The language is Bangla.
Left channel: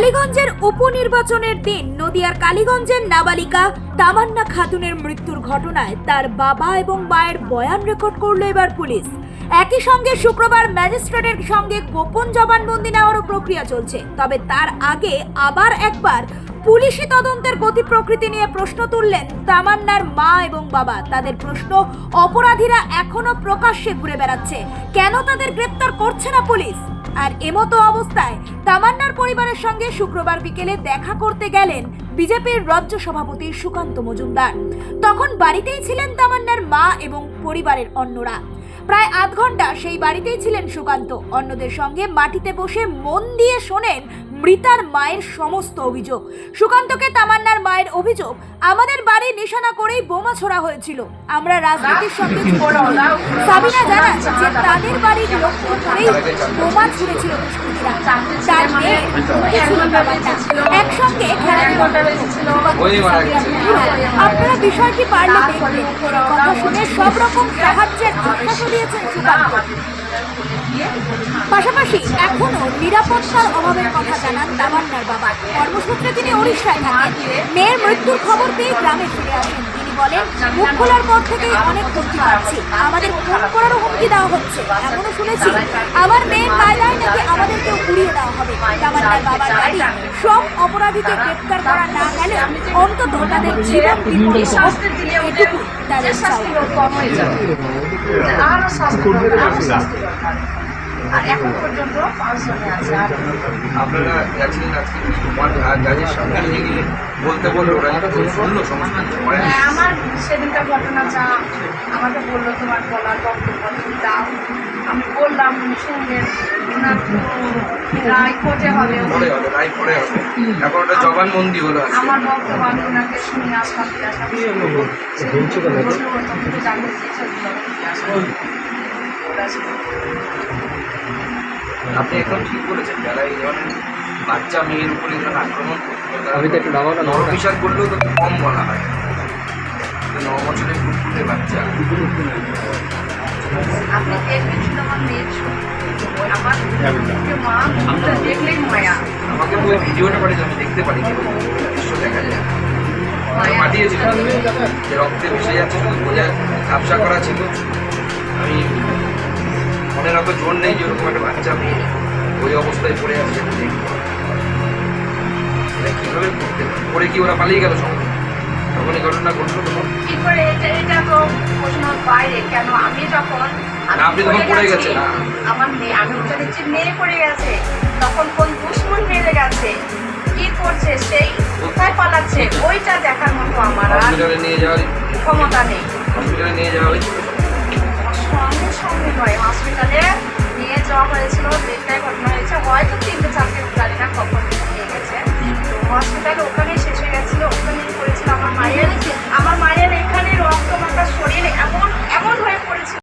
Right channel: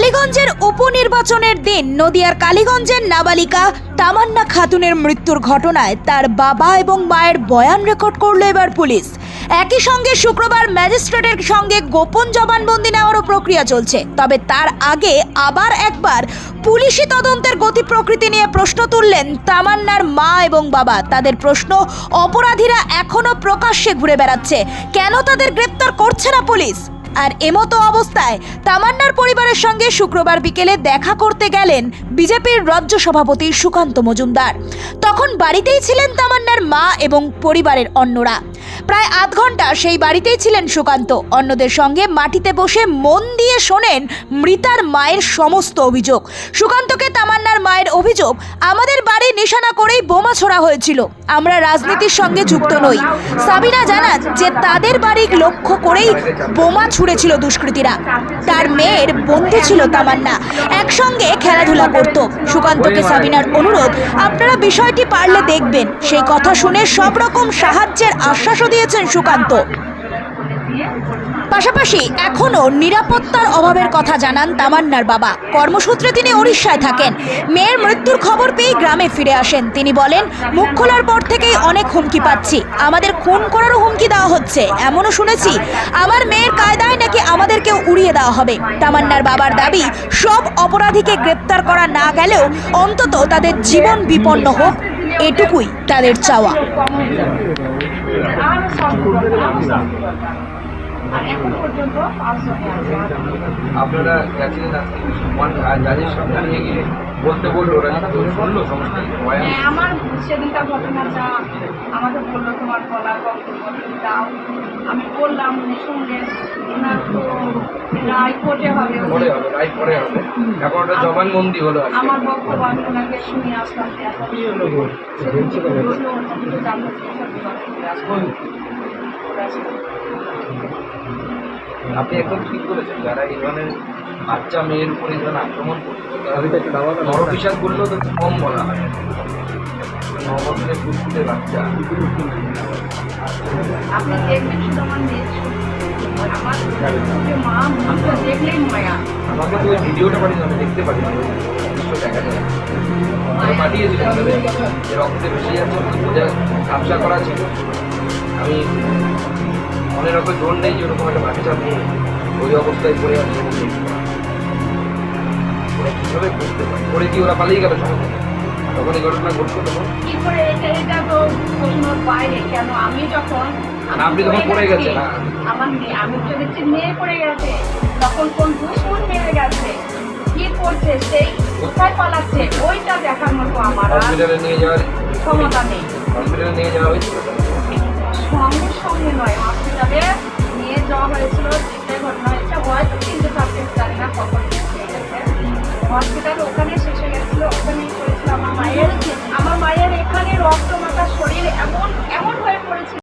কালীগঞ্জের উপনির্বাচনের দিন নদিয়ার কালীগঞ্জের নাবালিকা তামান্না খাতুনের মৃত্যুর ঘটনায় তার বাবা এবং মায়ের বয়ান রেকর্ড করল এবার পুলিশ। একই সঙ্গে শুক্রবার ম্যাজিস্ট্রেটের সঙ্গে গোপন জবানবন্দি নেওয়ারও প্রক্রিয়া চলছে। তবে তার আগে আবার একবার পুলিশি তদন্তের গতি প্রকৃতি নিয়ে প্রশ্ন তুললেন তামান্নার মা এবং বাবা। তাদের প্রশ্ন, অপরাধীরা এখনও প্রকাশ্যে ঘুরে বেড়াচ্ছে। কেন তাদের গ্রেপ্তার করছে না পুলিশ? আর এমতো অবস্থায় তামান্নার পরিবারের সঙ্গে শুক্রবার বিকেলে দেখা করতে গেলেন বিজেপির রাজ্য সভাপতি সুকান্ত মজুমদার। তখন বাড়িতেই ছিলেন তামান্নার মা এবং পরিবারের অন্যরা। প্রায় আধ ঘণ্টা সেই বাড়িতেই ছিলেন সুকান্ত। অন্যদের সঙ্গে মাটিতে বসে মন দিয়ে শোনেন মৃতার মায়ের সমস্ত অভিযোগ। সুকান্তকে তামান্নার মায়ের অভিযোগ, আমাদের বাড়ি নিশানা করেই বোমা ছোড়া হয়েছিল। আমরা রাজনীতির সঙ্গে যুক্ত নই। সাবিনা জানান যে, তাদের বাড়ি লক্ষ্য করেই বোমা ছুঁড়েছিল দুষ্কৃতীরা। তার মেয়ের বন্ধু ছিল তামান্না। একসঙ্গে খেলাধুলা করত। সুকান্তকে সাবিনার অনুরোধ, আপনারা বিষয়টি পারলে দেখবেন। সেই কথা শুনে সব রকম সাহায্যের আশ্বাসও দিয়েছেন সুকান্ত। পাশাপাশি এখনও নিরাপত্তার অভাবের কথা জানান তামান্নার বাবা। কর্মসূত্রে তিনি উড়িষ্যায় থাকেন। মেয়ের মৃত্যুর খবর পেয়ে গ্রামে ফিরে আসেন। তিনি বলেন, মুখ খোলার পর থেকেই অনেক হুমকি পাচ্ছি। আমাদের খুন করারও হুমকি দেওয়া হচ্ছে। এমনও শুনেছি, আমার মেয়ের কায়দায় নাকি আমাদেরকে উড়িয়ে দেওয়া হবে। তামান্নার বাবার দাবি, সব অপরাধীকে গ্রেপ্তার করা না গেলেও অন্তত তাদের জীবন বিপন্ন হোক। এটুকুই তাদের চাওয়া। কম হয়ে যাবে আরও এখন পর্যন্ত পাঁচজনে আছে। আর আপনারা গেছিলেন আজকে ওয়ান আর জাজের সামনে নিয়ে গিয়ে বলতে বলল ওরা। হ্যাঁ, আমার সেদিনকার ঘটনা যা আমাকে বলল তোমার বলার বক্তব্য তুমি দাও। আমি বললাম শুনলেন ওনার তো রায় কোর্টে হবে। পরে হবে রায় পরে হবে। এখন ওটা জবানবন্দি হলো আজকে। আমার বক্তব্য আমি ওনাকে শুনে আসলাম সেদিন জানতে চেয়েছে ফিরে আসলাম। ওরা ছিল। আপনি একদম ঠিক করেছেন যারা এই ধরনের বাচ্চা মেয়ের উপরে যারা আক্রমণ করতো তারা নরবিষাদ করলেও তো কম বলা হয়। ন বছরের ফুটফুটে বাচ্চা। আপনি দেখবেন শুধু আমার মেয়ের। আমার মা মুখটা দেখলেই মায়া। আমাকে তো ভিডিওটা পাঠিয়েছে আমি দেখতে পারি দৃশ্য দেখা যায়। যে রক্তে ভেসে যাচ্ছে বোঝা ঝাপসা করা ছিল। আমি মনের অত জোর নেই যে ওরকম একটা বাচ্চা মেয়ে ওই অবস্থায় পড়ে আছে দেখি কীভাবে করতে পারে? পরে কি ওরা পালিয়ে গেল সঙ্গে? তখন এই ঘটনা ঘটলো তখন? কি করে? এটা এটা তো প্রশ্নের বাইরে। কেন? আমি যখন আপনি তখন পড়ে গেছি, গেছেন, না? আমার মেয়ে আমি উঠে দিচ্ছি মেয়ে পড়ে গেছে। তখন কোন দুশ্মন মেরে গেছে? কি করছে? সেই কোথায় পালাচ্ছে? ওইটা দেখার মতো আমার আর হসপিটালে নিয়ে যাওয়ার ক্ষমতা নেই। হসপিটালে নিয়ে যাওয়া হয়েছিল সঙ্গে সঙ্গে নয় হসপিটালে